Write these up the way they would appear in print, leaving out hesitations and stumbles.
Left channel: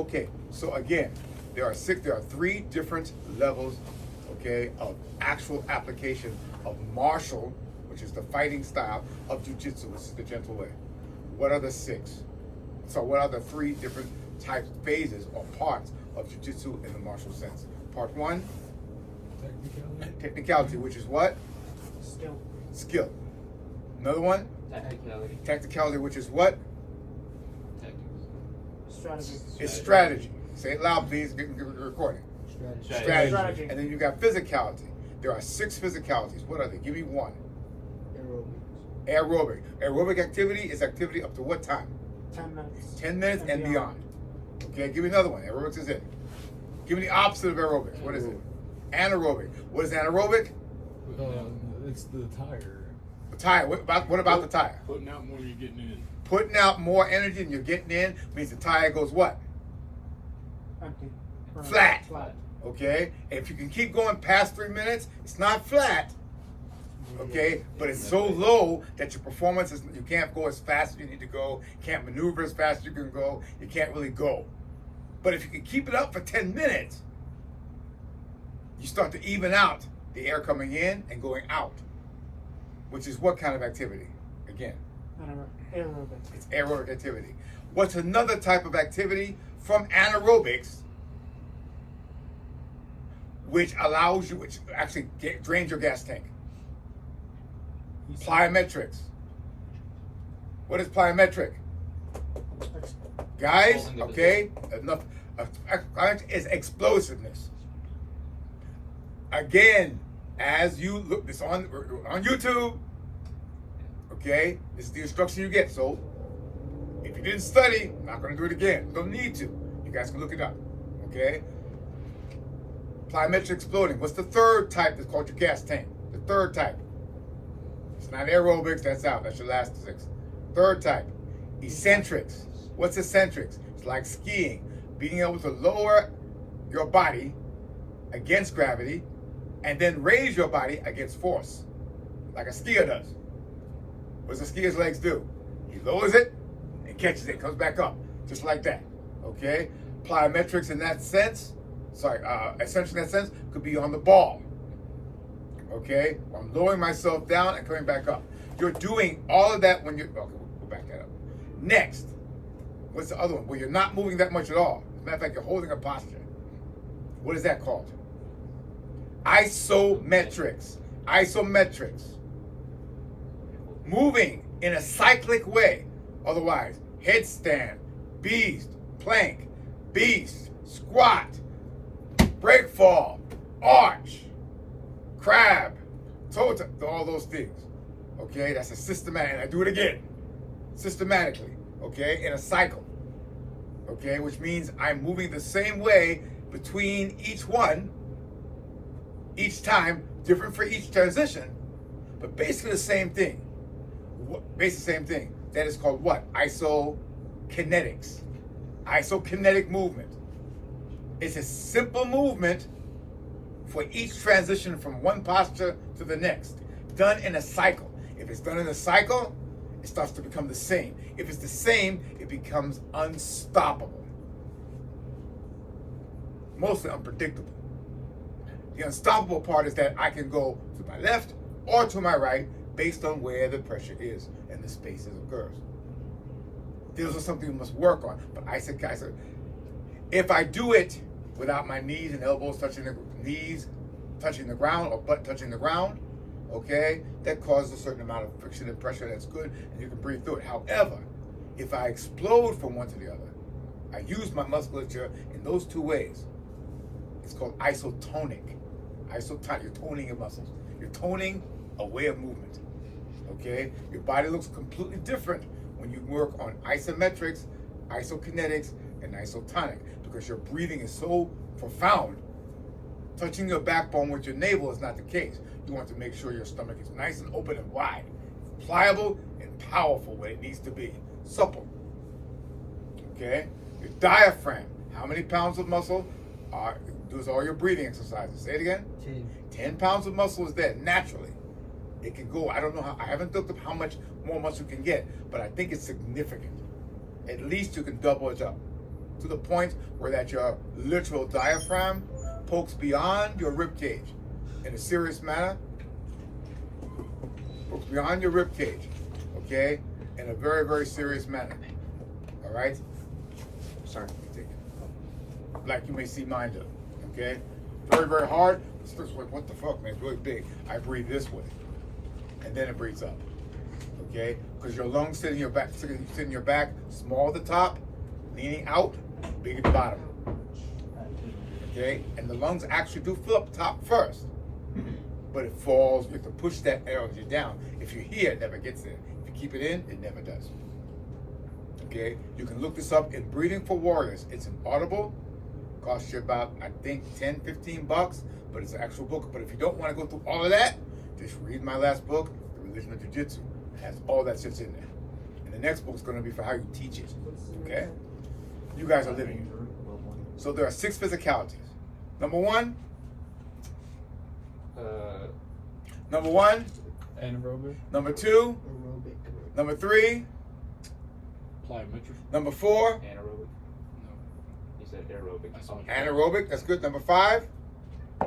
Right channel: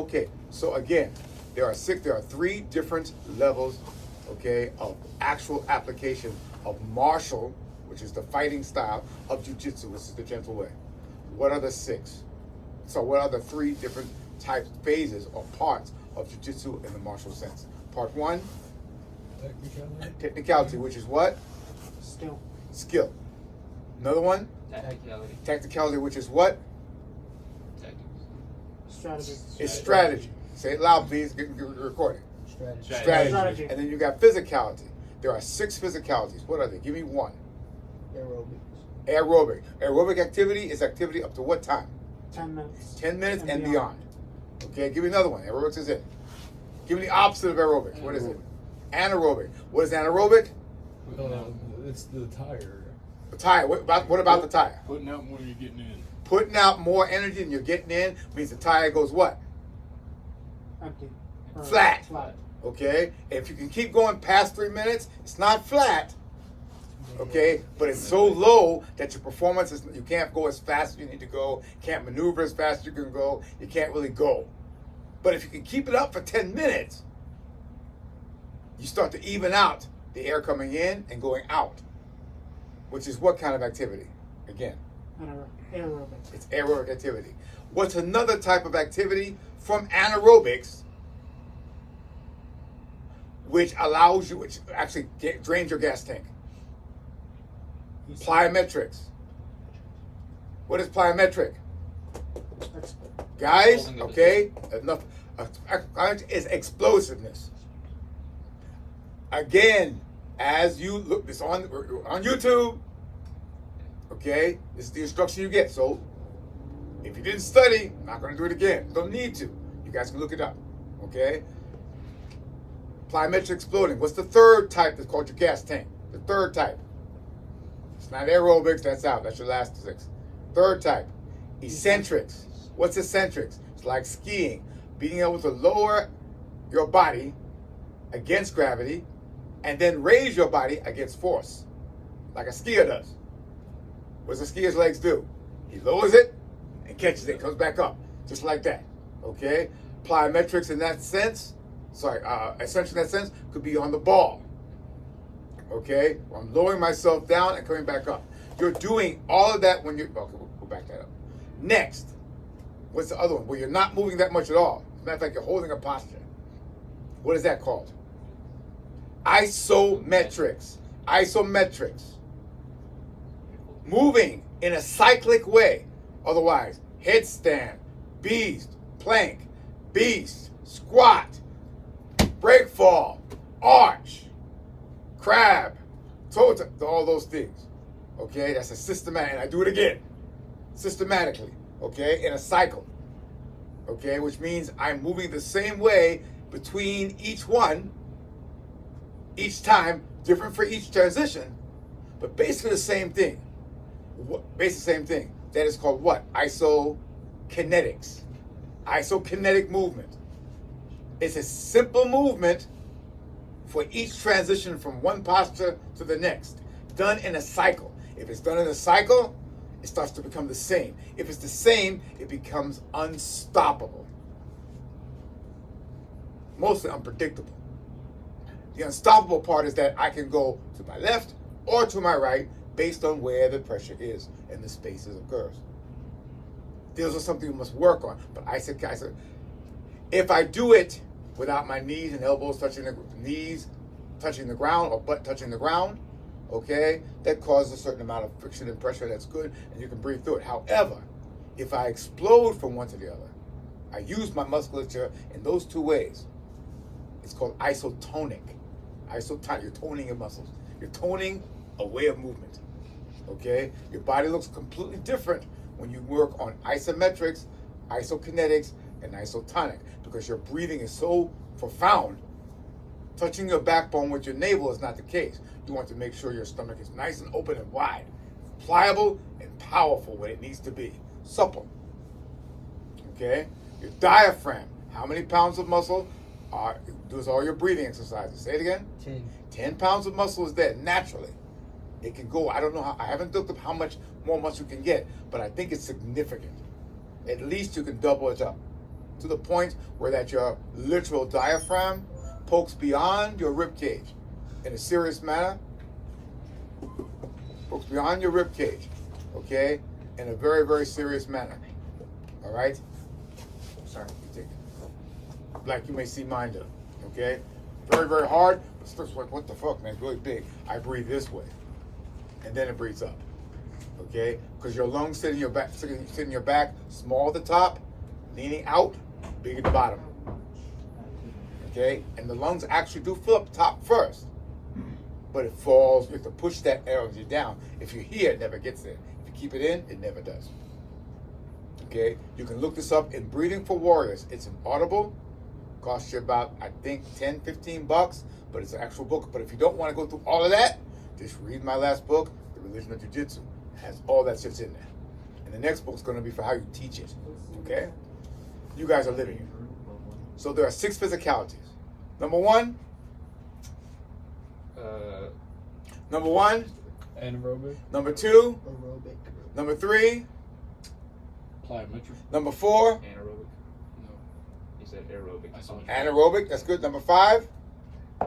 Okay, so again, there are three different levels, okay, of actual application of martial, which is the fighting style, of jiu-jitsu, which is the gentle way. What are the six? So what are the three different types, phases, or parts of jiu-jitsu in the martial sense? Part one, technicality, which is what? Skill. Another one? Technicality, which is what? Strategy. It's strategy. Say it loud, please. Get recording. Strategy. And then you got physicality. There are six physicalities. What are they? Give me one. Aerobic. Aerobic activity is activity up to what time? 10 minutes. 10 minutes and beyond. Okay, give me another one. Aerobics is it. Give me the opposite of aerobics. What is it? Anaerobic. What is anaerobic? It's the tire. The tire. What about the tire? Putting out more than you're getting in. Putting out more energy than you're getting in means the tire goes what? Empty. Flat. Flat. Okay? If you can keep going past 3 minutes, it's not flat. Okay? But it's so low that your performance is, you can't go as fast as you need to go, can't maneuver as fast as you can go, you can't really go. But if you can keep it up for 10 minutes, you start to even out the air coming in and going out, which is what kind of activity? Again, Aerobic. it's aerobic activity. What's another type of activity from anaerobics, which allows you, which actually drains your gas tank? Plyometrics. What is plyometric? Guys, okay, enough. Is explosiveness. Again, as you look this on YouTube, okay, this is the instruction you get. So if you didn't study, I'm not going to do it again. Don't need to. You guys can look it up, okay? Plyometric exploding. What's the third type that's called your gas tank? The third type. It's not aerobics, that's out. That's your last six. Third type, eccentrics. What's eccentrics? It's like skiing. Being able to lower your body against gravity and then raise your body against force, like a skier does. What does a skier's legs do? He lowers it and catches it, comes back up, just like that, okay? Plyometrics in that sense, eccentric in that sense, could be on the ball, okay? I'm lowering myself down and coming back up. You're doing all of that when you're, okay, we'll back that up. Next, what's the other one? Where you're not moving that much at all. As a matter of fact, you're holding a posture. What is that called? Isometrics. Isometrics. Moving in a cyclic way. Otherwise, headstand, beast, plank, beast, squat, break fall, arch, crab, toe, all those things. Okay, that's a systematic, and I do it again, systematically, okay, in a cycle. Okay, which means I'm moving the same way between each one, each time, different for each transition, but basically the same thing. Basically the same thing. That is called what? Isokinetics. Isokinetic movement. It's a simple movement for each transition from one posture to the next, done in a cycle. If it's done in a cycle, it starts to become the same. If it's the same, it becomes unstoppable. Mostly unpredictable. The unstoppable part is that I can go to my left or to my right based on where the pressure is and the spaces occurs. Those are something we must work on. But I said, if I do it without my knees and elbows touching the ground or butt touching the ground, okay, that causes a certain amount of friction and pressure. That's good, and you can breathe through it. However, if I explode from one to the other, I use my musculature in those two ways. It's called isotonic. You're toning your muscles. You're toning a way of movement. Okay? Your body looks completely different when you work on isometrics, isokinetics, and isotonic, because your breathing is so profound. Touching your backbone with your navel is not the case. You want to make sure your stomach is nice and open and wide, pliable and powerful when it needs to be, supple. Okay? Your diaphragm, how many pounds of muscle does all your breathing exercises? Say it again. 10 pounds of muscle is there naturally. It can go, I don't know how, I haven't looked up how much more muscle you can get, but I think it's significant. At least you can double it up. to the point where that your literal diaphragm pokes beyond your rib cage in a serious manner. Pokes beyond your rib cage, okay, in a very, very serious manner. All right? Sorry, like you may see mine do, okay? Very, very hard. It's just like, what the fuck, man? It's really big. I breathe this way, and then it breathes up, okay? Because your lungs sit in your back, small at the top, leaning out, big at the bottom, okay? And the lungs actually do fill up top first, but it falls. You have to push that energy down. If you're here, it never gets there. If you keep it in, it never does. Okay? You can look this up in Breathing for Warriors. It's an Audible. Costs you about, I think, $10, $15, but it's an actual book. But if you don't want to go through all of that, just read my last book, The Religion of Jiu-Jitsu. It has all that shit's in there. And the next book's going to be for how you teach it. Okay? You guys are living it. So there are 6 physicalities. Number one, Anaerobic. number 2, number 3, Plyometric. number 4, Anaerobic. No. He said aerobic. anaerobic, that's good. Number 5, I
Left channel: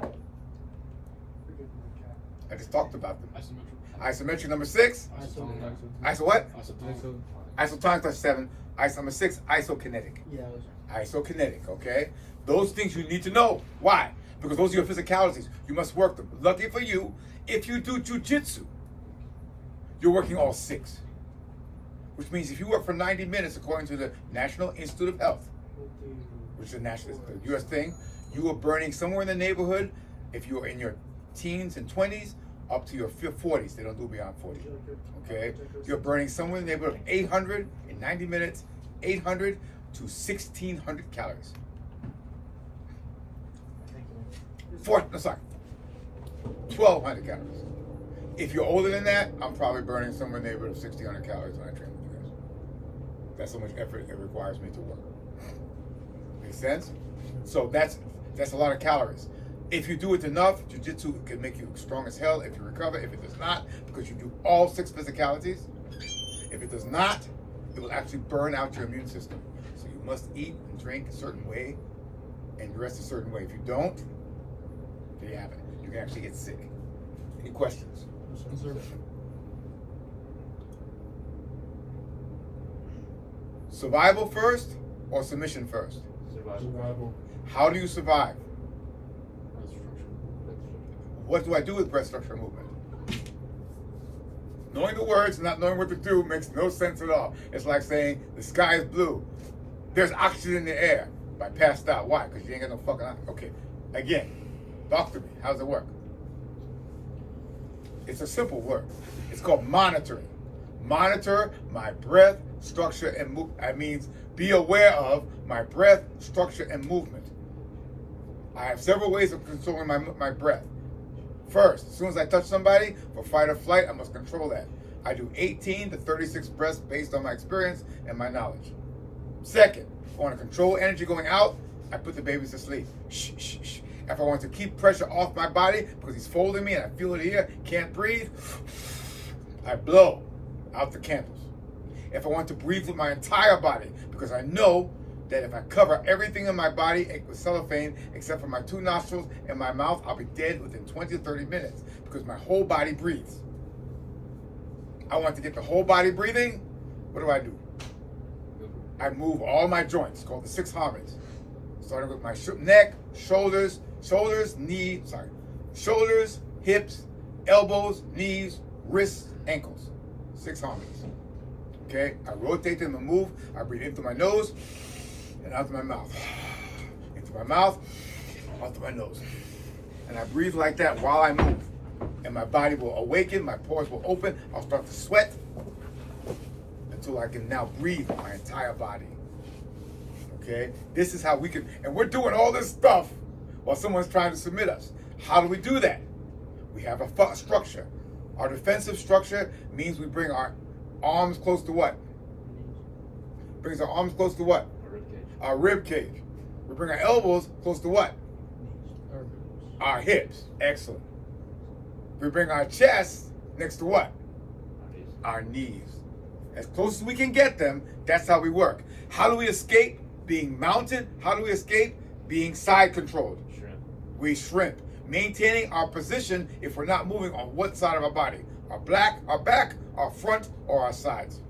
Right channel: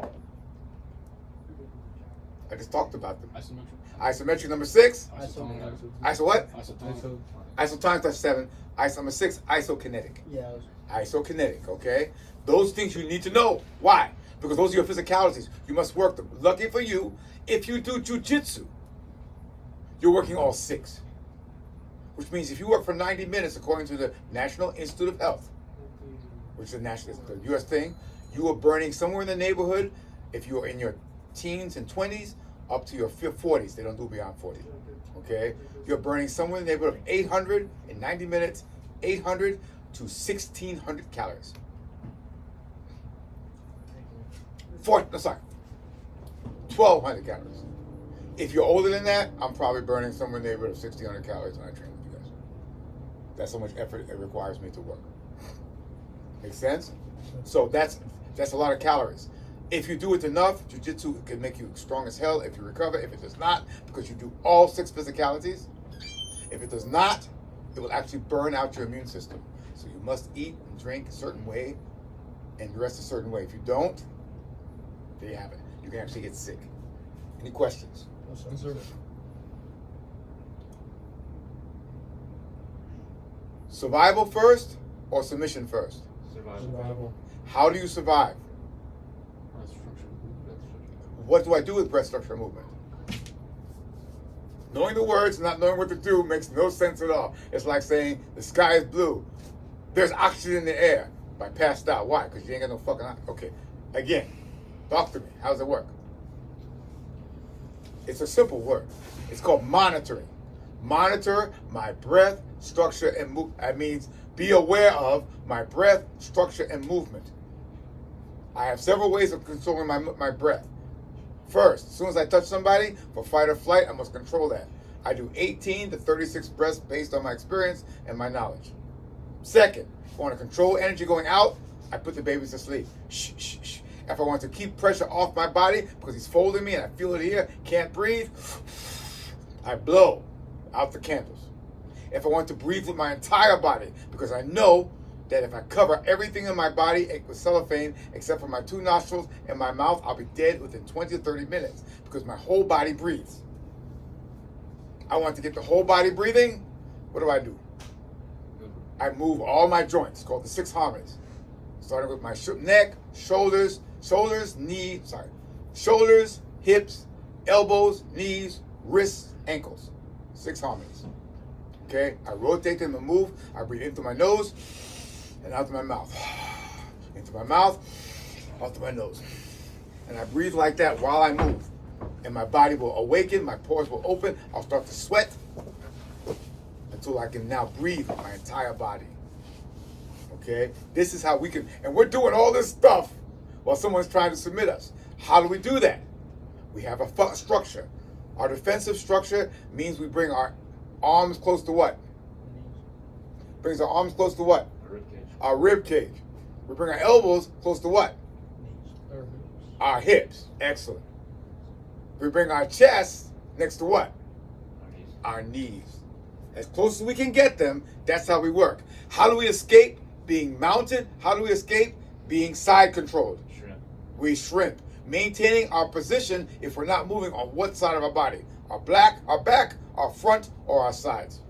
just talked about them. Isometric. Isometric, number 6, Isotonic. iso what? Isotonic. Isotonic, that's 7. Number 6, isokinetic. Yeah. Isokinetic, okay? Those things you need to know. Why? Because those are your physicalities. You must work them. Lucky for you, if you do jujitsu, you're working all 6. Which means if you work for 90 minutes, according to the National Institute of Health, which is the U.S. thing, you are burning somewhere in the neighborhood, if you're in your teens and 20s, up to your 40s. They don't do beyond 40. Okay? You're burning somewhere in the neighborhood of 800 in 90 minutes, 800 to 1,600 calories. 1,200 calories. If you're older than that, I'm probably burning somewhere in the neighborhood of 1,600 calories when I train with you guys. That's how much effort it requires me to work. Make sense? So that's a lot of calories. If you do it enough, jiu-jitsu can make you strong as hell if you recover. If it does not, because you do all 6 physicalities, if it does not, it will actually burn out your immune system. So you must eat and drink a certain way and rest a certain way. If you don't, there you have it. You can actually get sick. Any questions? Survival first or submission first? Survival. How do you survive? Breath structure. What do I do with breath structure movement? Knowing the words, not knowing what to do makes no sense at all. It's like saying the sky is blue. There's oxygen in the air. I passed out. Why? Because you ain't got no fucking oxygen. Okay. Again, talk to me. How does it work? It's a simple word. It's called monitoring. Monitor my breath, structure, and movement. That means be aware of my breath, structure, and movement. I have several ways of controlling my breath. First, as soon as I touch somebody for fight or flight, I must control that. I do 18 to 36 breaths based on my experience and my knowledge. Second, if I want to control energy going out, I put the babies to sleep. Shh, shh, shh. If I want to keep pressure off my body because he's folding me and I feel it here, can't breathe, I blow out the candles. If I want to breathe with my entire body, because I know that if I cover everything in my body with cellophane except for my 2 nostrils and my mouth, I'll be dead within 20 to 30 minutes because my whole body breathes. I want to get the whole body breathing. What do? I move all my joints, called the 6 harmonies. Starting with my neck, shoulders, hips, elbows, knees, wrists, ankles. 6 harmonies. Okay? I rotate them and move. I breathe in through my nose and out through my mouth. Into my mouth, out through my nose. And I breathe like that while I move. And my body will awaken, my pores will open, I'll start to sweat until I can now breathe with my entire body. Okay? This is how we can, and we're doing all this stuff while someone's trying to submit us. How do we do that? We have a structure. Our defensive structure means we bring our arms close to what? Brings our arms close to what? Our rib cage. We bring our elbows close to what? Our hips. Excellent. We bring our chest next to what? Our knees. As close as we can get them, that's how we work. How do we escape Being mounted, how do we escape? Being side controlled. Shrimp. We shrimp. Maintaining our position if we're not moving on what side of our body. Our back, our front, or our sides.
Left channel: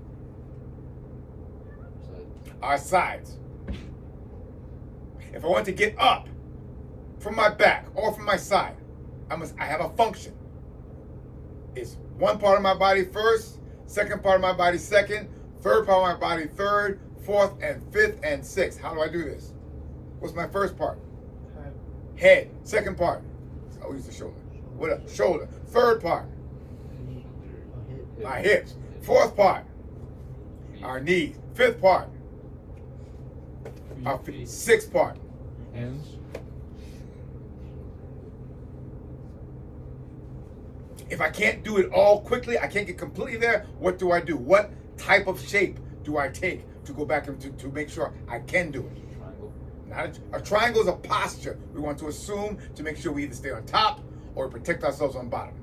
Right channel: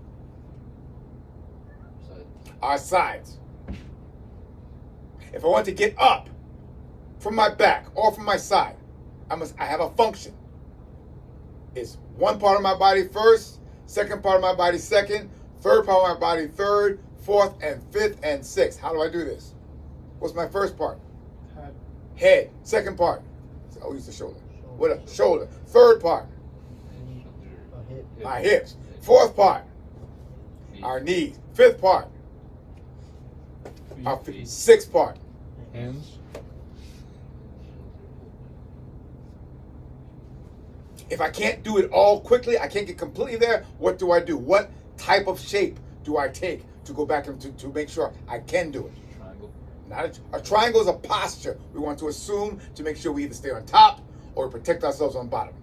Side. Our sides. If I want to get up from my back or from my side, I have a function. It's one part of my body first, second part of my body second, third part of my body third, fourth and fifth and sixth. How do I do this? What's my first part? Head. Head. Second part. I use the shoulder. What up? Shoulder. Third part. My hips. Fourth part. Our knees. Fifth part. Our sixth part. Hands. If I can't do it all quickly, I can't get completely there, what do I do? What type of shape do I take to go back and to make sure I can do it? Triangle. Not a triangle is a posture we want to assume to make sure we either stay on top or protect ourselves on bottom.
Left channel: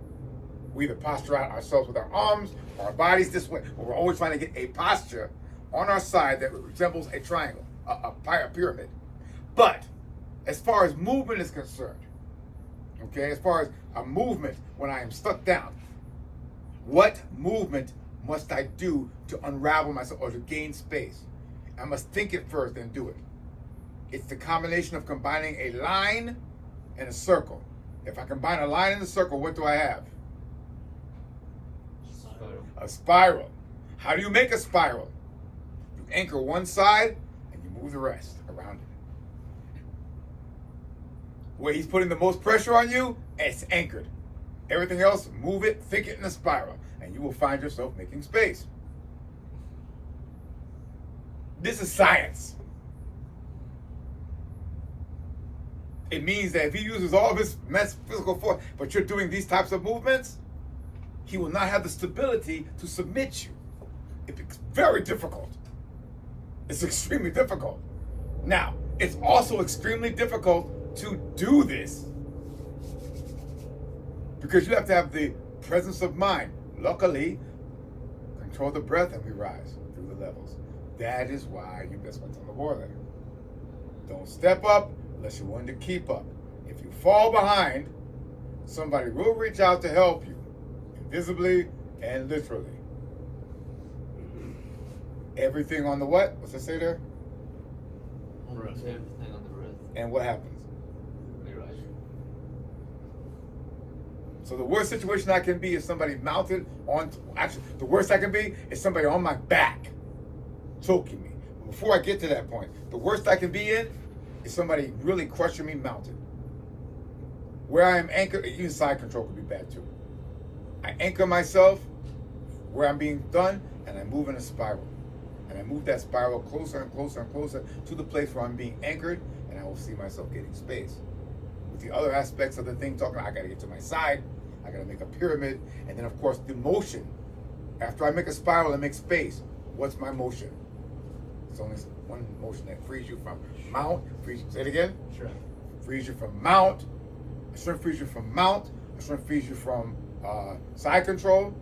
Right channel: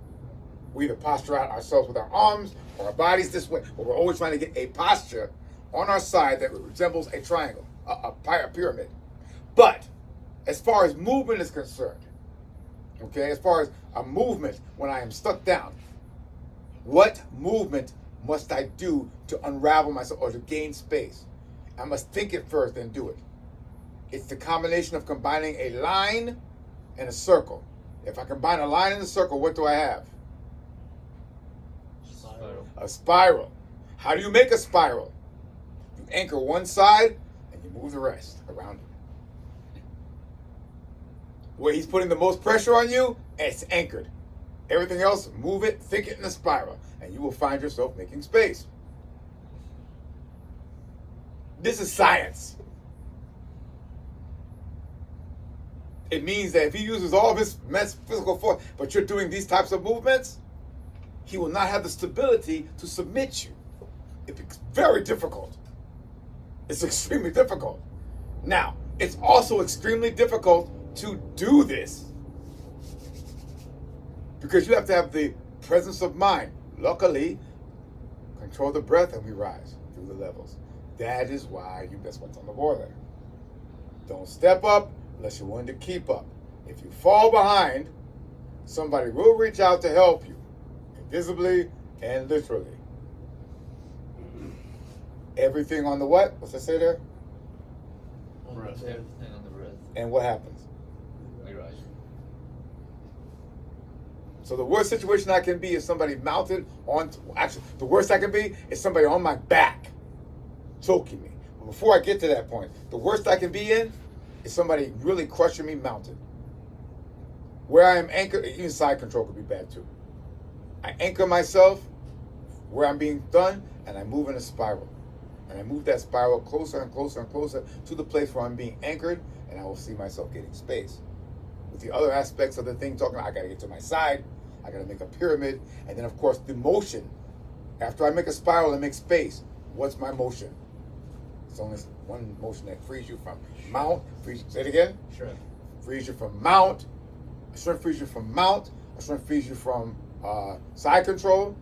We either posture out ourselves with our arms or our bodies this way, but we're always trying to get a posture on our side that resembles a triangle, a pyramid. But as far as movement is concerned, okay, as far as a movement when I am stuck down, what movement must I do to unravel myself or to gain space? I must think it first, then do it. It's the combination of combining a line and a circle. If I combine a line and a circle, what do I have? Spiral. A spiral. How do you make a spiral? You anchor one side and you move the rest around it. Where he's putting the most pressure on you, it's anchored. Everything else, move it, think it in a spiral, and you will find yourself making space. This is science. It means that if he uses all of his physical force, but you're doing these types of movements, he will not have the stability to submit you. It's very difficult. It's extremely difficult. Now, it's also extremely difficult to do this because you have to have the presence of mind. Luckily, control the breath and we rise through the levels. That is why that's what's on the board there. Don't step up unless you're willing to keep up. If you fall behind, somebody will reach out to help you, invisibly and literally. Everything on the what? What's it say there? Breath. Everything on the breath. And what happens? We rise. So the worst situation I can be is somebody mounted on, actually, the worst I can be is somebody on my back, choking me. Before I get to that point, the worst I can be in is somebody really crushing me mounted. Where I am anchored, even side control could be bad too. I anchor myself where I'm being done, and I move in a spiral. And I move that spiral closer and closer and closer to the place where I'm being anchored, and I will see myself getting space. With the other aspects of the thing, talking about I gotta get to my side, I gotta make a pyramid, and then of course the motion. After I make a spiral and make space, what's my motion? It's only one motion that frees you from mount, say it again? Shrimp. Frees you from mount, a shrimp frees you from mount, a shrimp frees you from side control,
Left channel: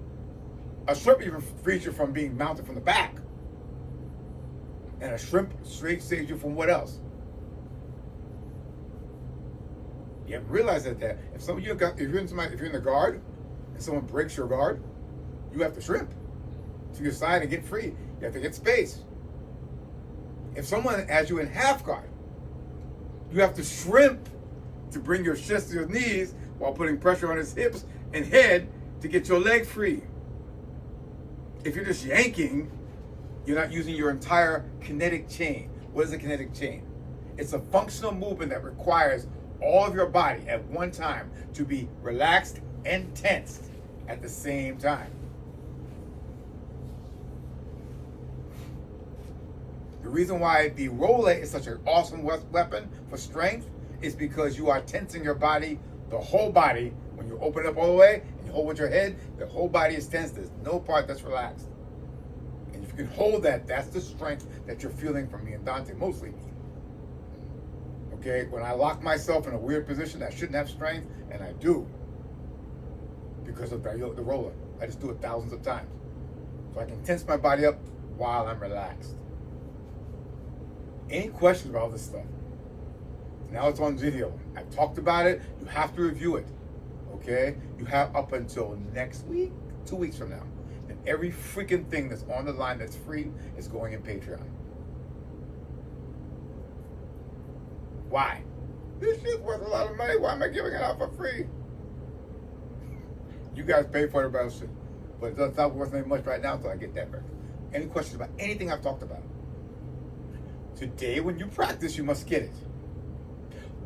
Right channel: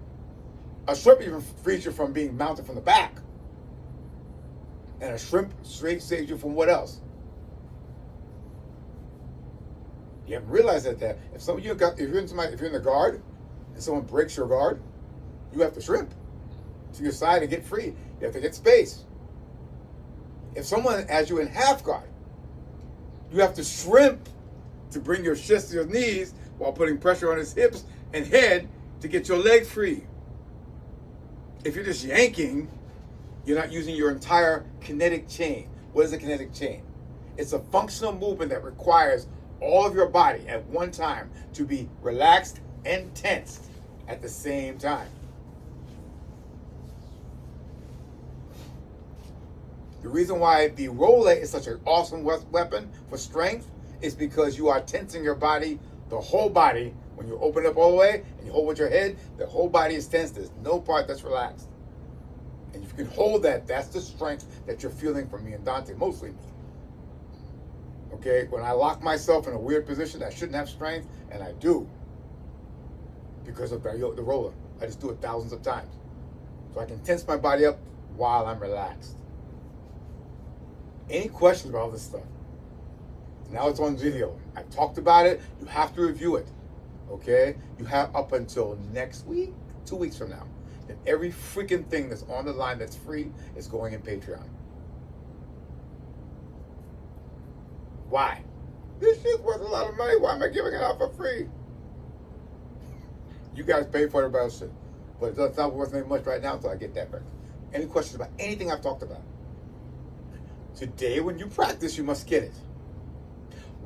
a shrimp even frees you from being mounted from the back. And a shrimp straight saves you from what else? You haven't realized that if some of you got, if you're in the guard and someone breaks your guard, you have to shrimp to your side and get free. You have to get space. If someone has you in half guard, you have to shrimp to bring your chest to your knees while putting pressure on his hips and head to get your leg free. If you're just yanking, you're not using your entire kinetic chain. What is a kinetic chain? It's a functional movement that requires all of your body at one time to be relaxed and tense at the same time. The reason why the roller is such an awesome weapon for strength is because you are tensing your body, the whole body. When you open up all the way and you hold with your head, the whole body is tense. There's no part that's relaxed. And if you can hold that, that's the strength that you're feeling from me and Dante, mostly me. Okay, when I lock myself in a weird position, I shouldn't have strength, and I do. Because of the roller. I just do it thousands of times. So I can tense my body up while I'm relaxed. Any questions about all this stuff? Now it's on video. I talked about it. You have to review it. Okay? You have up until next week, 2 weeks from now. And every freaking thing that's on the line that's free is going in Patreon. Why? This shit's worth a lot of money. Why am I giving it out for free? You guys pay for the about shit. But it's not worth very much right now until I get that back. Any questions about anything I've talked about? Today, when you practice, you must get it.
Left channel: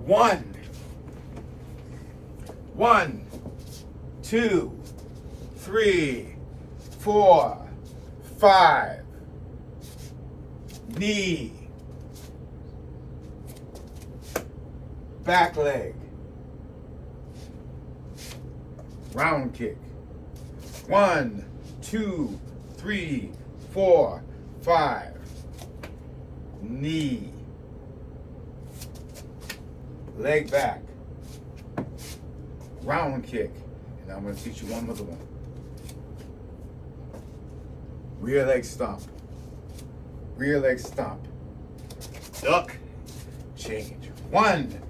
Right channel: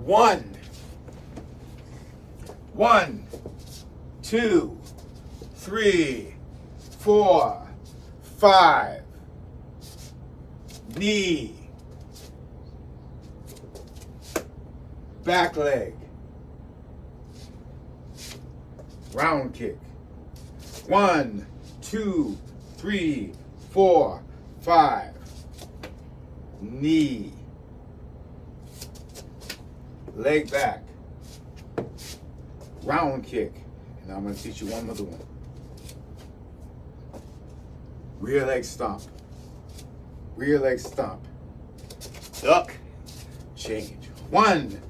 1, 2, 3, 4, 5. Knee. Back leg. Round kick. 1, 2, 3, 4, 5. Knee. Leg back. Round kick. And I'm going to teach you one other one. Rear leg stomp. Rear leg stomp. Duck. Change. 1,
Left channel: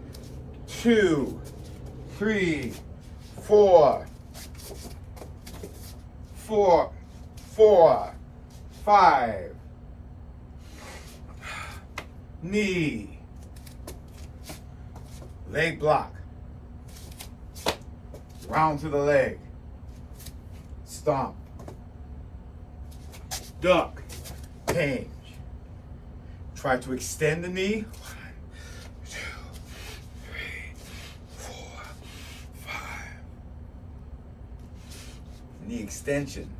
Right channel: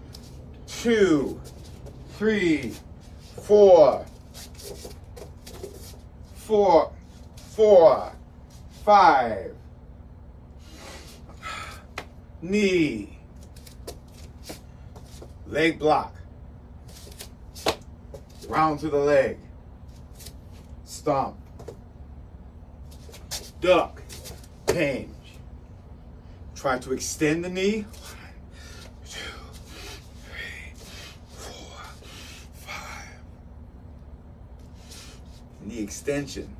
2, 3, 4, 5. Knee. Leg block. Round to the leg. Stomp. Duck. Change. Try to extend the knee. 1, 2, 3, 4, 5. Knee extension.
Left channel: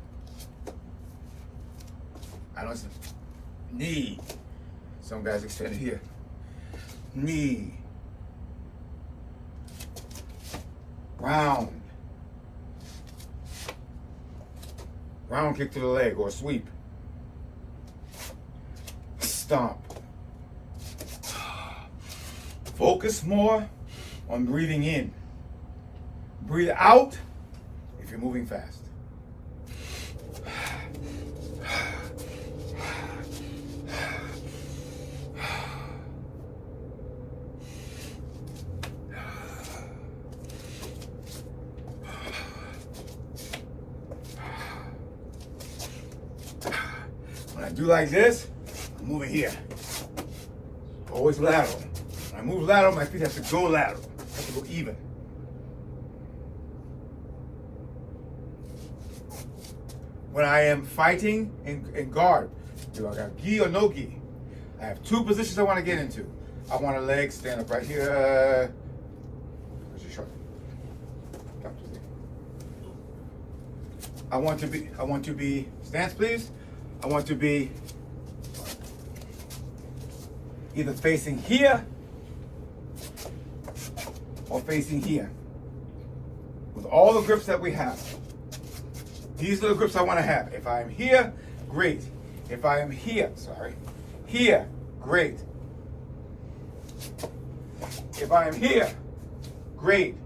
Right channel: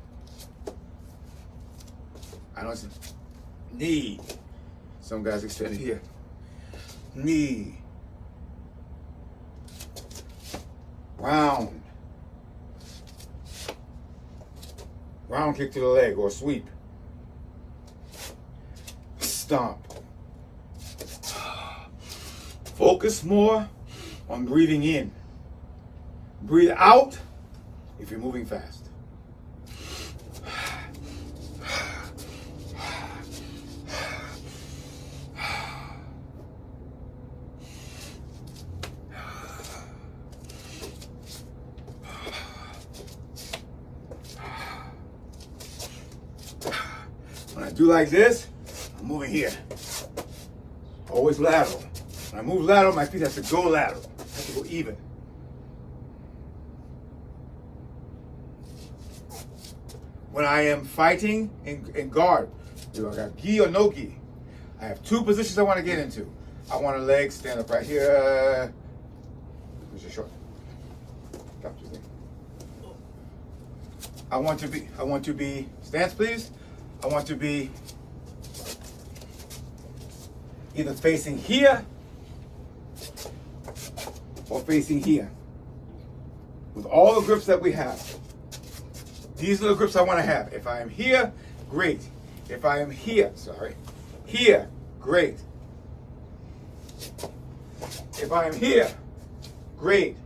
I don't see. Knee. Some guys extend it here. Knee. Round. Round kick to the leg or sweep. Stomp. Focus more on breathing in. Breathe out if you're moving fast. When I do like this, I'm moving here. Always lateral. When I move lateral, my feet have to go lateral. Have to go even. When I am fighting in guard, do I have gi or no gi? I have 2 positions I want to get into. I want a leg stand up right here. Where's your short? I want to be, stance please. I want to be either facing here or facing here. With all the grips that we have. These are the grips I want to have. If I am here, great. If I am here, here, great. If I am here, great.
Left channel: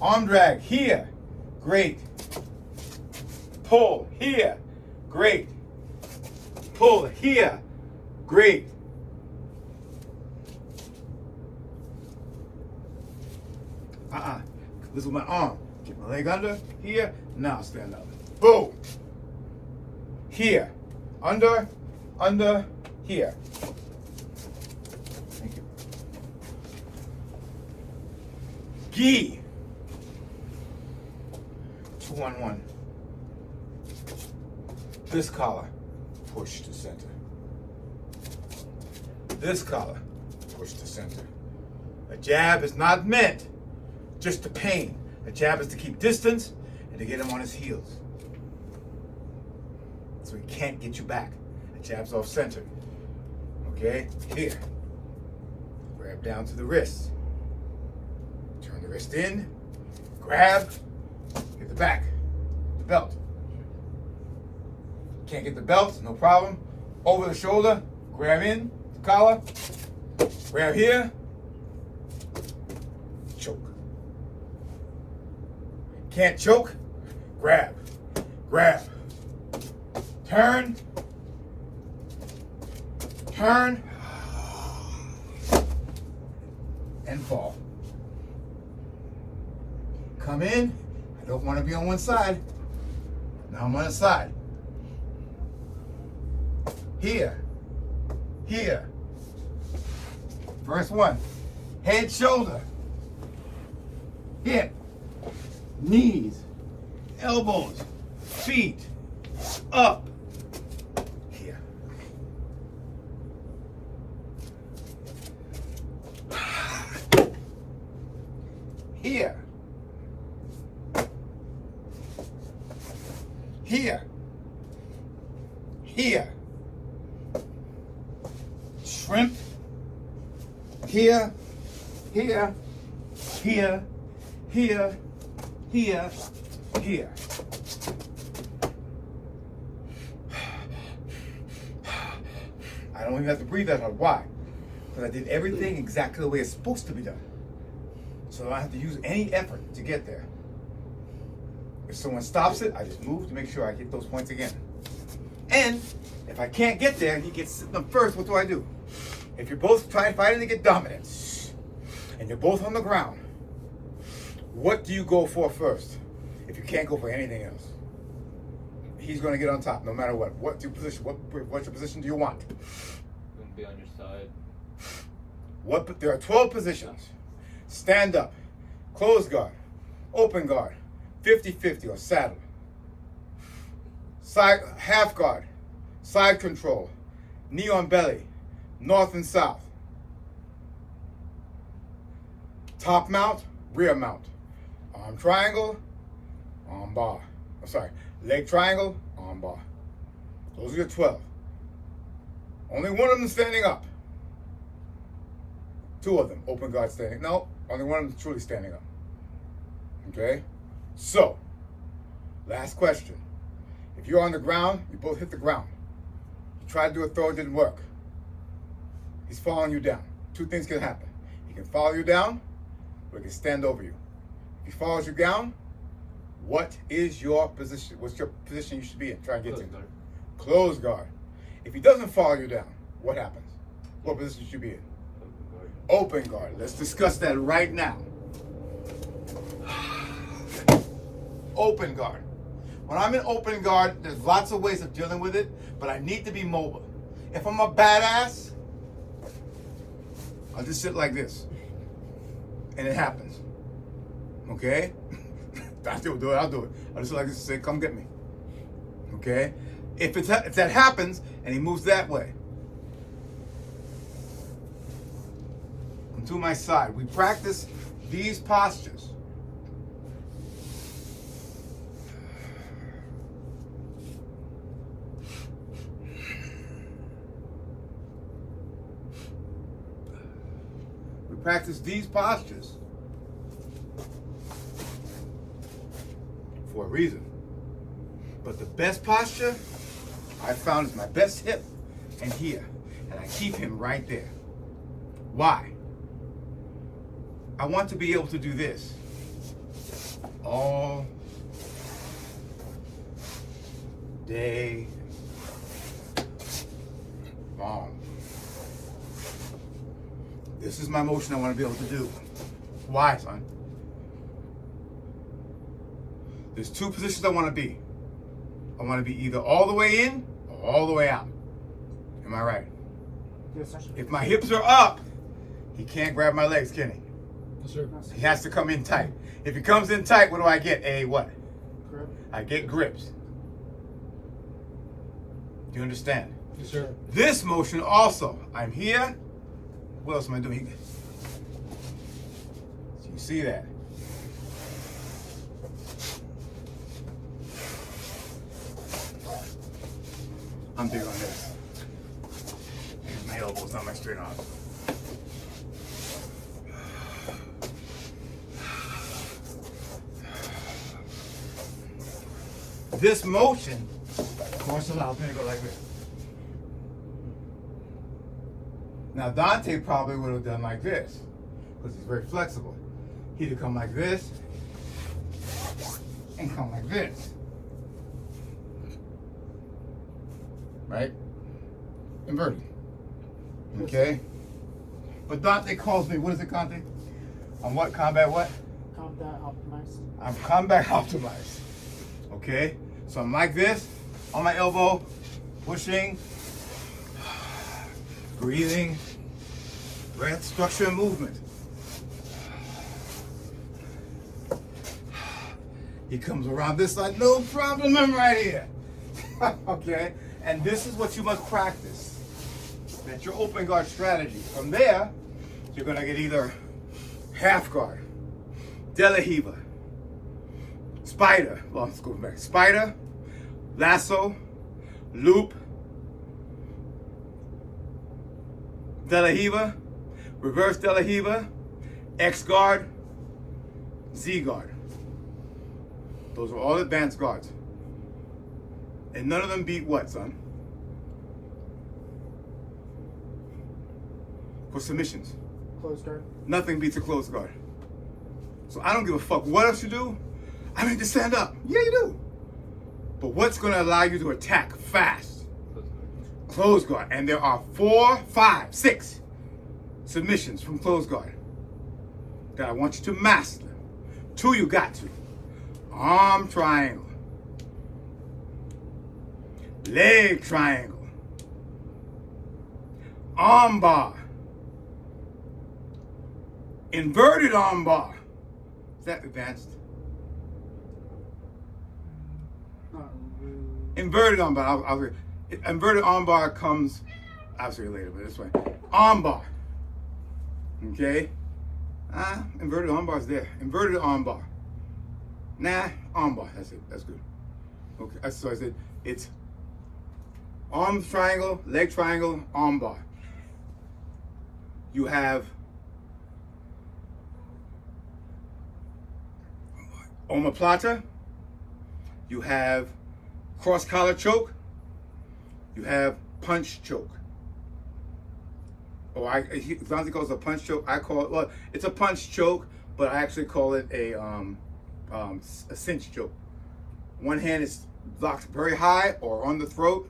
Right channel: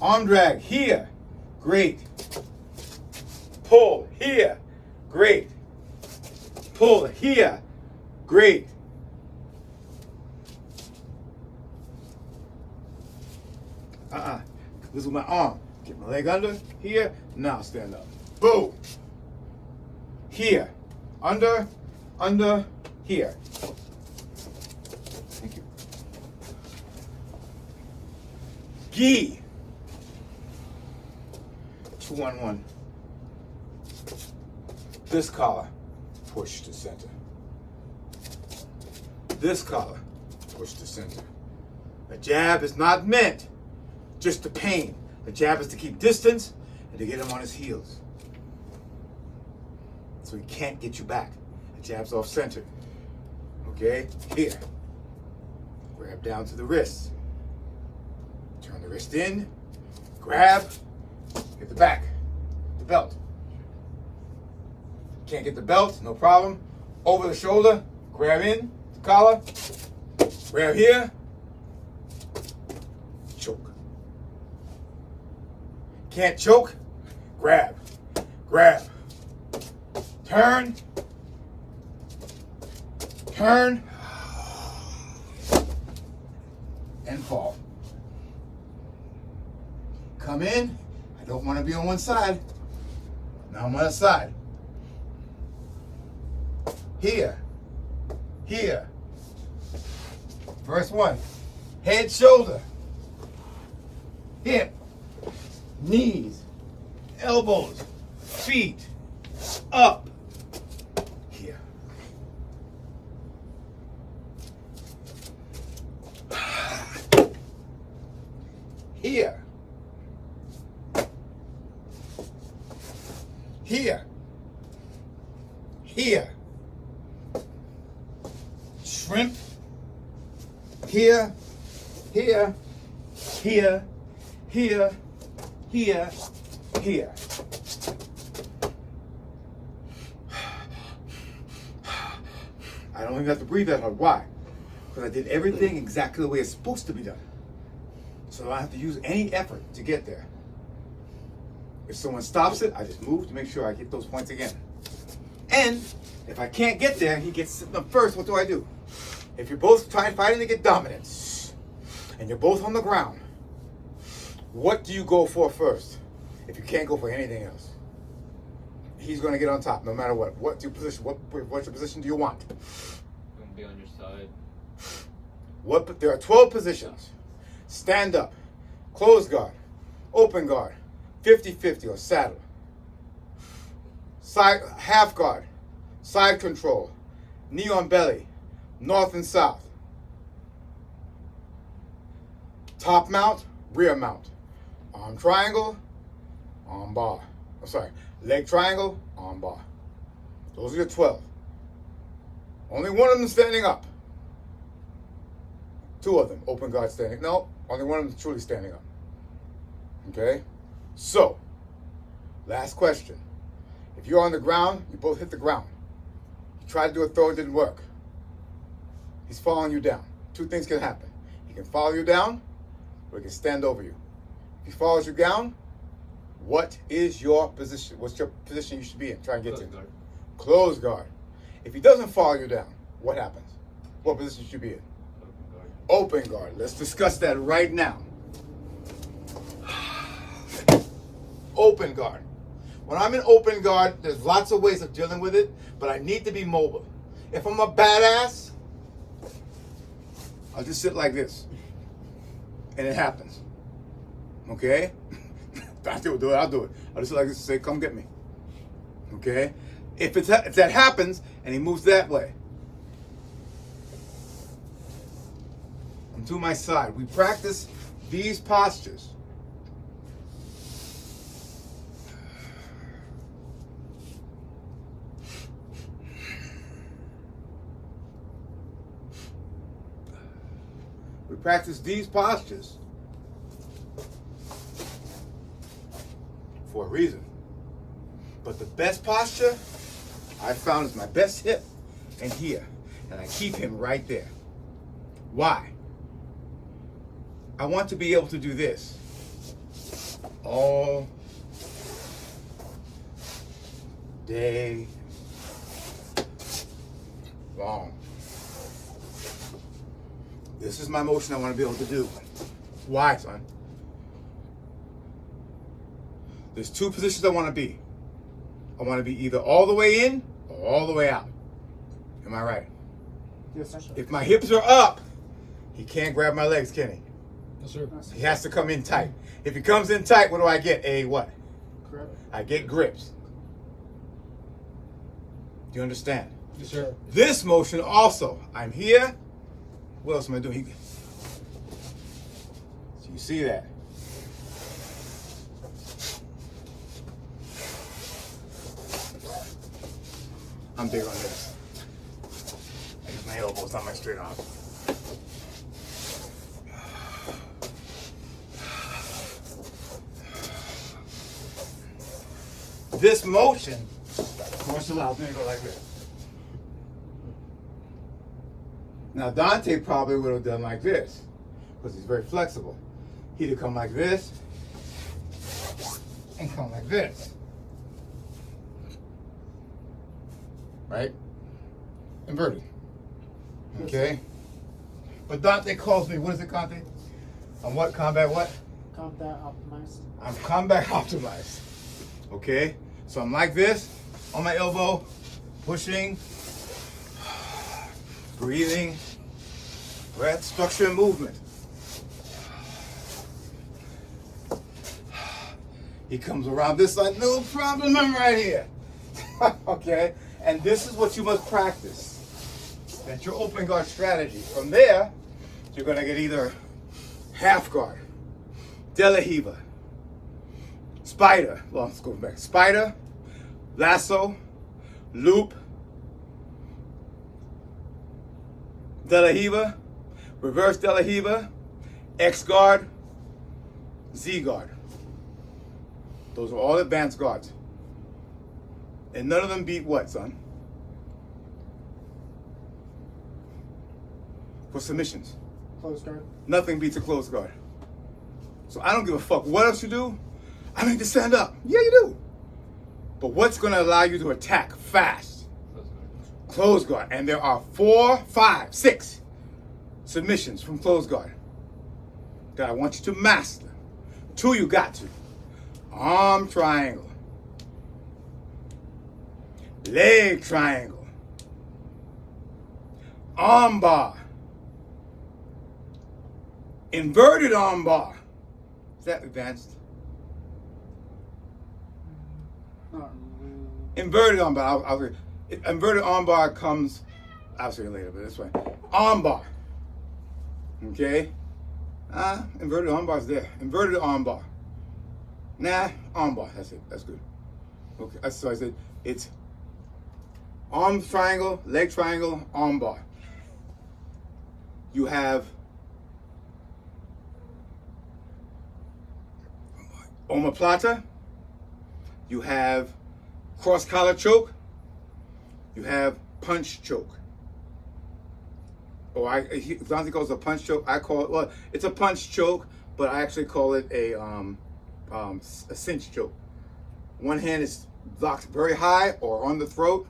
Arm drag here, great. Pull here, great. Pull here, great. This is my arm. Get my leg under, here, now stand up. Boom. Here, under, here. Thank you. Gi. 2-on-1. This collar, push to center. This collar, push to center. A jab is not meant just to pain. A jab is to keep distance and to get him on his heels. So he can't get you back. A jab's off center. Okay? Here. Grab down to the wrist. Turn the wrist in. Grab. Get the back. The belt. Can't get the belt, no problem. Over the shoulder. Grab in. The collar. Grab here. Choke. Can't choke? Grab. Grab. Turn. turn, and fall. Come in. I don't want to be on one side. Now I'm on a side. Here. Here. First one. Head, shoulder. Hip. Knees. Elbows. Feet. Up. Here. Here. Here. Here. Shrimp. Here. Here. Here. Here. Here. Here. I don't even have to breathe that hard. Why? Because I did everything exactly the way it's supposed to be done. So I don't have to use any effort to get there. If someone stops it, I just move to make sure I get those points again. And if I can't get there and he gets sitting up first, what do? If you're both fighting to get dominance and you're both on the ground, what do you go for first if you can't go for anything else? He's going to get on top no matter what. What's your position? What's your position do you want? Gonna be on your side. There are 12 positions. Stand up, close guard, open guard, 50-50 or saddle. Side half guard, side control, knee on belly, north and south. Top mount, rear mount. Arm triangle, arm bar. I'm sorry, leg triangle, arm bar. Those are your 12. Only one of them standing up. 2 of them, open guard standing. No, only one of them is truly standing up. Okay? So, last question. If you're on the ground, you both hit the ground. You try to do a throw, it didn't work. He's following you down. 2 things can happen. He can follow you down, or he can stand over you. If he follows you down, what is your position? What's your position you should be in? Try and get to. Close guard. If he doesn't follow you down, what happens? What position should you be in? Open guard. Let's discuss that right now. Open guard. When I'm in open guard, there's lots of ways of dealing with it, but I need to be mobile. If I'm a badass, I'll just sit like this. And it happens. Okay? I'll do it. I'll just sit like this and say, come get me. Okay? If that happens and he moves that way, I'm to my side. We practice these postures. We practice these postures for a reason. But the best posture I found is my best hip and here. And I keep him right there. Why? I want to be able to do this all day long. This is my motion I want to be able to do. Why, son? There's 2 positions I want to be. I want to be either all the way in or all the way out. Am I right? Yes, sir. If my hips are up, he can't grab my legs, can he? Yes, sir. He has to come in tight. If he comes in tight, what do I get? A what? Grip. I get grips. Do you understand? Yes, sir. This motion also, I'm here. What else am I doing? So you see that? I'm big on this. My elbow's not my straight arm. This motion, of course, allows me to go like this. Now Dante probably would have done like this, because he's very flexible. He'd have come like this, and come like this. Right? Inverted. Okay? But Dante calls me, what is it, Dante? I'm what? Combat what? Combat optimized. I'm combat optimized. Okay? So I'm like this, on my elbow, pushing, breathing, breath, structure, and movement. He comes around this side, no problem, I'm right here. Okay? And this is what you must practice. That's your open guard strategy. From there, you're gonna get either half guard, de la hiva, spider, well, let's go back, spider, lasso, loop, de la hiva, reverse de la hiva, X guard, Z guard. Those are all advanced guards. And none of them beat what, son? For submissions. Close guard. Nothing beats a closed guard. So I don't give a fuck what else you do. I need to stand up. Yeah, you do. But what's going to allow you to attack fast? Closed guard. And there are 4, 5, 6 submissions from closed guard that I want you to master. 2 you got to. Arm triangle. Leg triangle. Arm bar. Inverted arm bar. Is that advanced? Not really. Inverted arm bar. Inverted arm bar comes, I'll say it later, but this way. Arm bar. Okay? Inverted arm bar's there. Inverted arm bar. Nah, arm bar. That's it. That's good. Okay, so I said it's arm triangle, leg triangle, arm bar. You have omoplata. You have cross collar choke. You have punch choke. Or Dante calls it a punch choke. I call it, well, it's a punch choke, but I actually call it a cinch choke. One hand is locked very high or on the throat,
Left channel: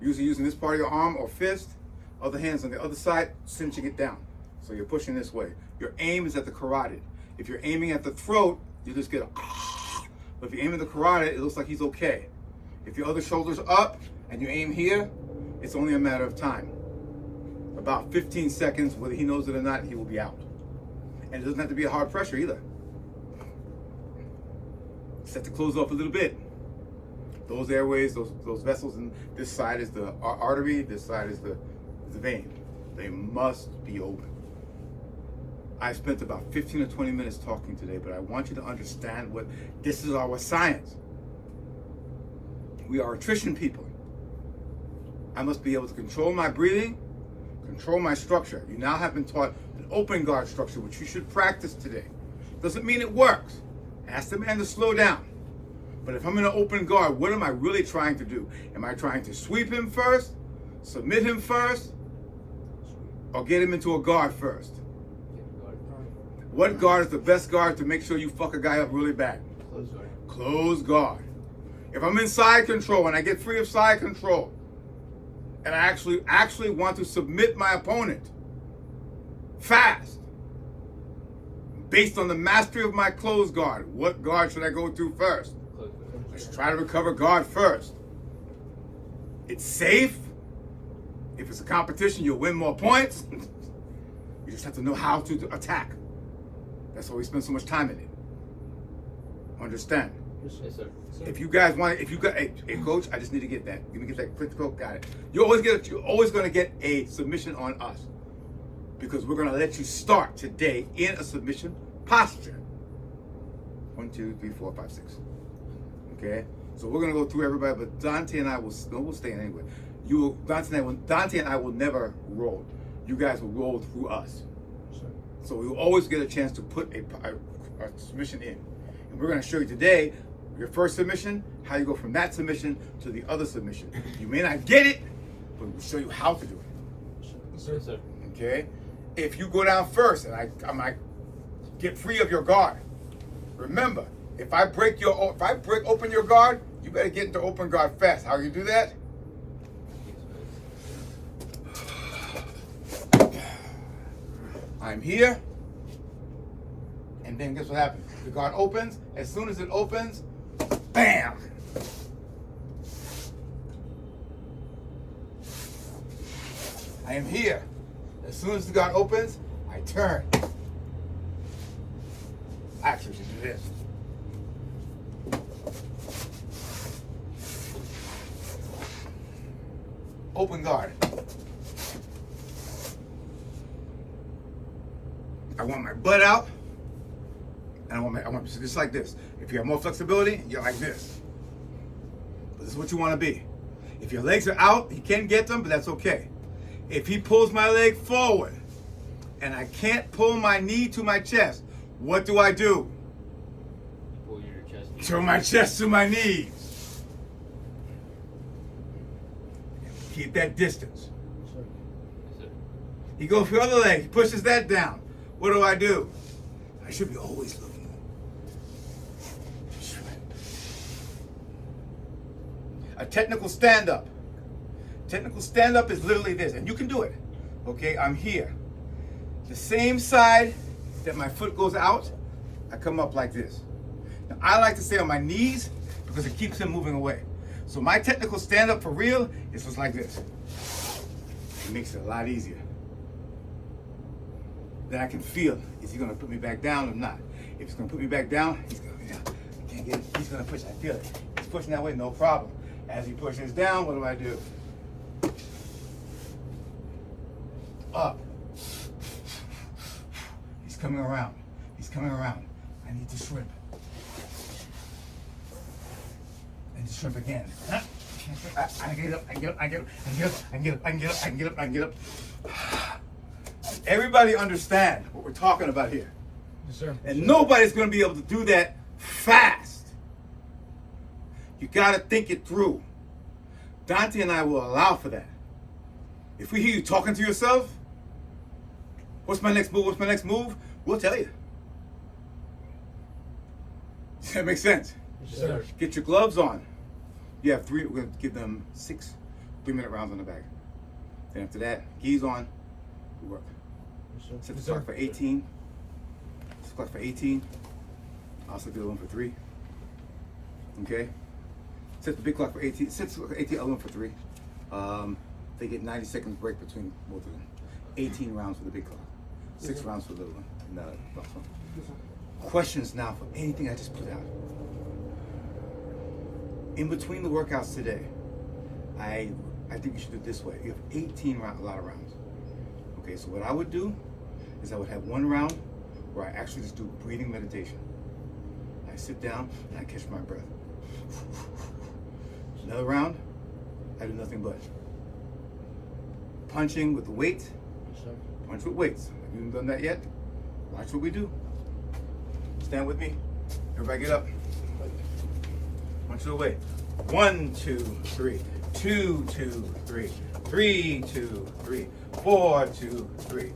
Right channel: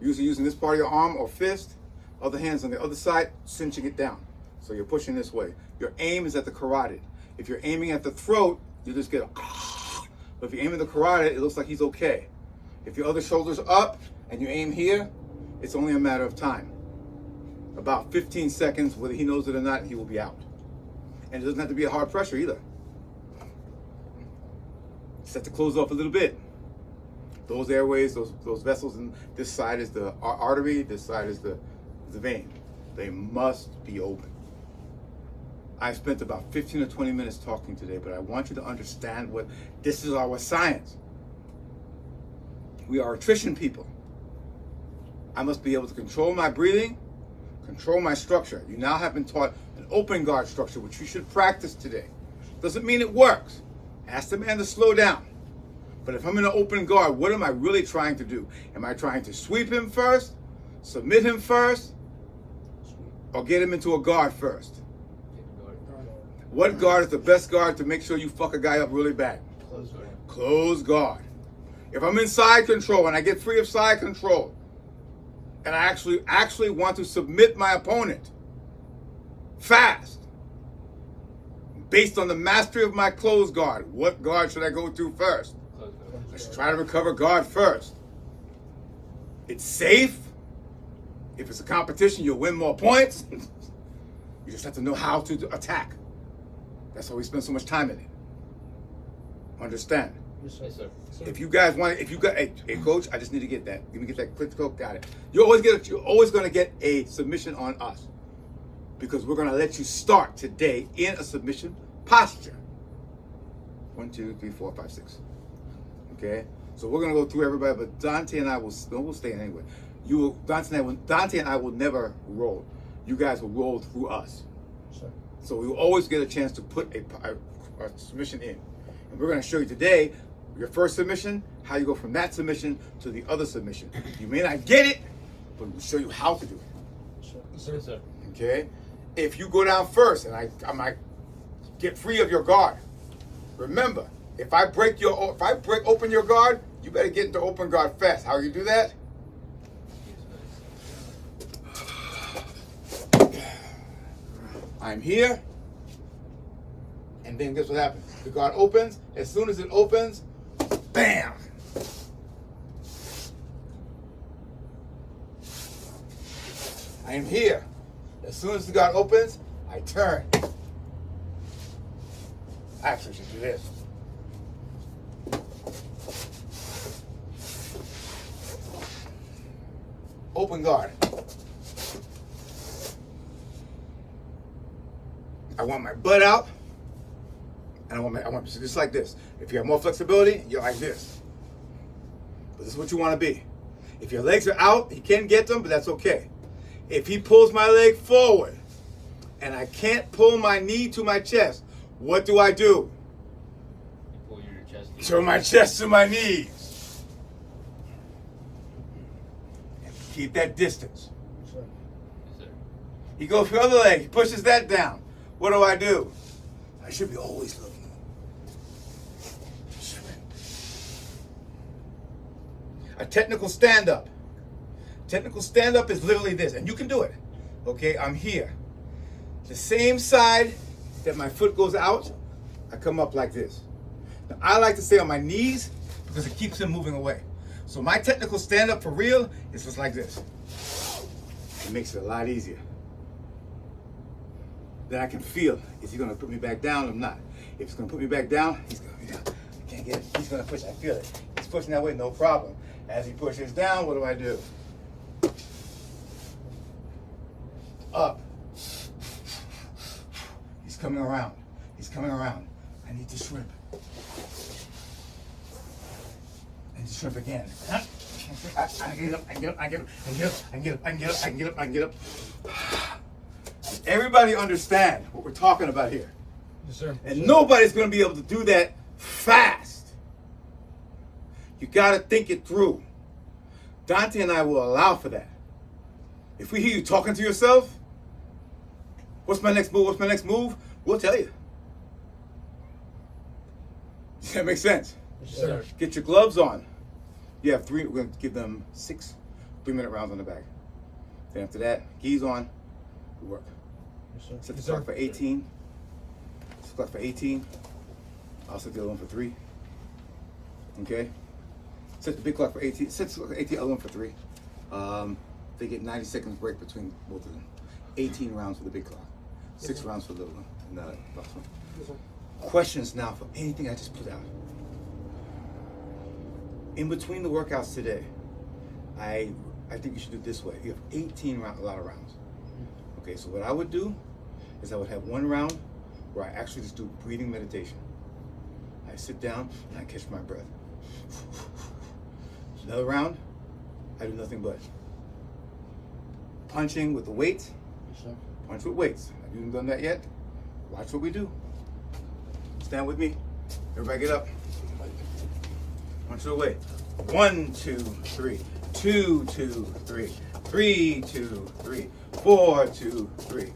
usually using this part of your arm or fist. Other hand's on the other side, cinching it down. So you're pushing this way. Your aim is at the carotid. If you're aiming at the throat, you just get a but if you aim at the carotid, it looks like he's okay. If your other shoulder's up and you aim here, it's only a matter of time. About 15 seconds, whether he knows it or not, he will be out. And it doesn't have to be a hard pressure either. Set to close off a little bit. Those airways, those vessels, and this side is the artery, this side is the vein. They must be open. I spent about 15 or 20 minutes talking today, but I want you to understand what this is our science. We are attrition people. I must be able to control my breathing, control my structure. You now have been taught an open guard structure, which you should practice today. Doesn't mean it works. Ask the man to slow down. But if I'm in an open guard, what am I really trying to do? Am I trying to sweep him first, submit him first, or get him into a guard first? What guard is the best guard to make sure you fuck a guy up really bad? Close guard. Close guard. If I'm in side control and I get free of side control, and I actually want to submit my opponent fast, based on the mastery of my close guard, what guard should I go to first? Close guard. Let's try to recover guard first. It's safe. If it's a competition, you'll win more points. You just have to know how to attack. That's why we spend so much time in it. Understand? Yes, sir. If you guys want, hey coach, I just need to get that. Let me get that click coach. Got it. You're always going to get a submission on us because we're going to let you start today in a submission posture. 1, 2, 3, 4, 5, 6. Okay. So we're going to go through everybody, but Dante and I will stay in anyway. Dante and I will never roll. You guys will roll through us. So we will always get a chance to put a submission in. And we're going to show you today, your first submission, how you go from that submission to the other submission. You may not get it, but we'll show you how to do it. Yes, sir. Okay? If you go down first and I might get free of your guard, remember, if I break open your guard, you better get into open guard fast. How you do that? I'm here, and then guess what happens? The guard opens. As soon as it opens, bam! I am here. As soon as the guard opens, I turn. I actually should do this. Open guard. I want my butt out, and I want so just like this. If you have more flexibility, you're like this. But this is what you want to be. If your legs are out, he can get them, but that's okay. If he pulls my leg forward, and I can't pull my knee to my chest, what do? Pull your chest. Turn my chest to my knees. Keep that distance. Yes, sir. He goes for the other leg, he pushes that down. What do? I should be always looking. A technical stand-up. Technical stand-up is literally this, and you can do it. Okay, I'm here. The same side that my foot goes out, I come up like this. Now, I like to stay on my knees because it keeps him moving away. So my technical stand-up for real is just like this. It makes it a lot easier. Then I can feel, is he gonna put me back down or not? If he's gonna put me back down, he's gonna, I can't get it. He's gonna push, I feel it. He's pushing that way, no problem. As he pushes down, what do? Up. He's coming around. He's coming around. I need to shrimp. And to shrimp again. I get up, I get up, I get up, I get up, I get up, I get up, I get up, I get up. Everybody understand what we're talking about here. Yes, sir. And nobody's going to be able to do that fast. You got to think it through. Dante and I will allow for that. If we hear you talking to yourself, what's my next move? What's my next move? We'll tell you. Does that make sense? Yes, sir. Get your gloves on. You have three. We're going to give them 6 3-minute rounds on the back. Then after that, gis on. We work. Set the clock for 18. Set the clock for 18. I'll set the other one for 3. Okay? Set the big clock for 18. Set the clock for 18, other one for 3. They get 90 seconds break between both of them. 18 rounds for the big clock. 6 rounds for the little one. And last one. Questions now for anything I just put out. In between the workouts today, I think you should do it this way. You have 18 rounds, a lot of rounds. Okay, so what I would do is I would have one round where I actually just do breathing meditation. I sit down and I catch my breath. Another round, I do nothing but punching with the weights. Punch with weights. Have you done that yet? Watch what we do. Stand with me. Everybody get up. Punch it away. 1, 2, 3. 2, 2, 3. 3, 2, 3. 4, 2, 3.